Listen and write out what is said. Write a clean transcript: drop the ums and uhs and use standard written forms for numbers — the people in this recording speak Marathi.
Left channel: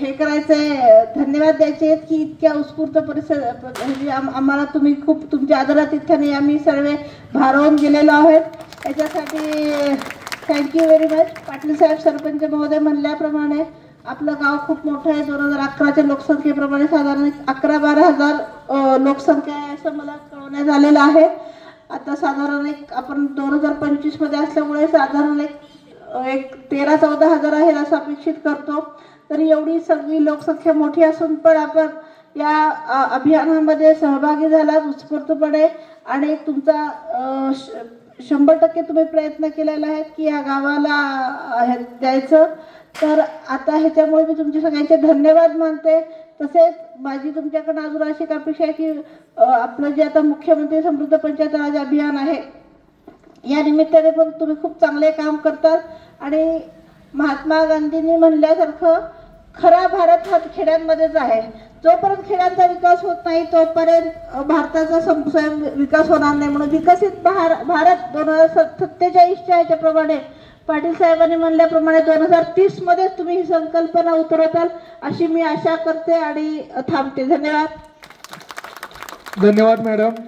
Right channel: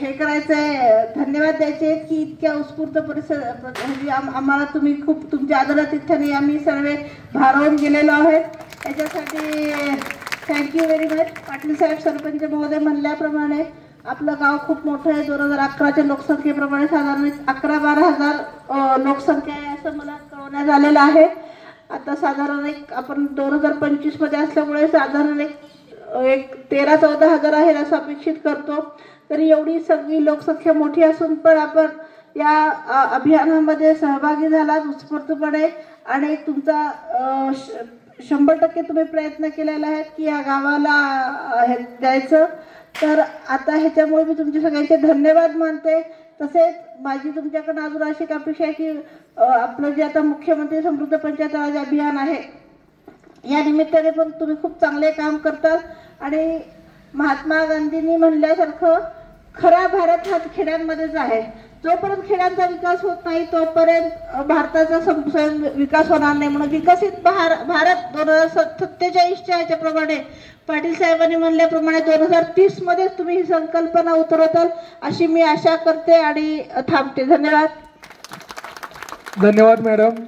हे करायचंय, धन्यवाद द्यायचे की इतक्या उत्स्फूर्त परिसर म्हणजे आम्हाला तुम्ही खूप तुमच्या आदरातिथ्याने आम्ही सर्व भारावून गेलेलो आहोत। याच्यासाठी थँक्यू व्हेरी मच। पाटील साहेब सरपंच महोदय म्हणल्याप्रमाणे आपलं गाव खूप मोठं आहे। 2011च्या लोकसंख्येप्रमाणे साधारण 11-12 हजार लोकसंख्या आहे असं मला कळवण्यात आलेलं आहे। आता साधारण आपण 2025 मध्ये असल्यामुळे साधारण एक 13-14 हजार आहे असं अपेक्षित करतो। तरी एवढी सगळी लोकसंख्या मोठी असून पण आपण या अभियानामध्ये सहभागी झालात उत्स्फूर्तपणे आणि तुमचा 100% तुम्ही प्रयत्न केलेला आहे की या गावाला द्यायचं। तर आता ह्याच्यामुळे मी तुमचे सगळ्यांचे धन्यवाद मानते। तसेच माझी तुमच्याकडे अजून अशी अपेक्षा आहे की आपलं जे आता मुख्यमंत्री समृद्ध पंचायत राज अभियान आहे या निमित्ताने पण तुम्ही खूप चांगले काम करतात आणि महात्मा गांधींनी म्हणल्यासारखं खरा भारत हा खेड्यांमध्येच आहे। जोपर्यंत खेड्यांचा विकास होत नाही तोपर्यंत भारताचा विकास होणार नाही। म्हणून विकसित भारत 2047च्या याच्याप्रमाणे पाटील साहेबांनी म्हणल्याप्रमाणे 2030 मध्ये तुम्ही ही संकल्पना उतरवताल अशी मी आशा करते आणि थांबते। धन्यवाद। धन्यवाद मॅडम।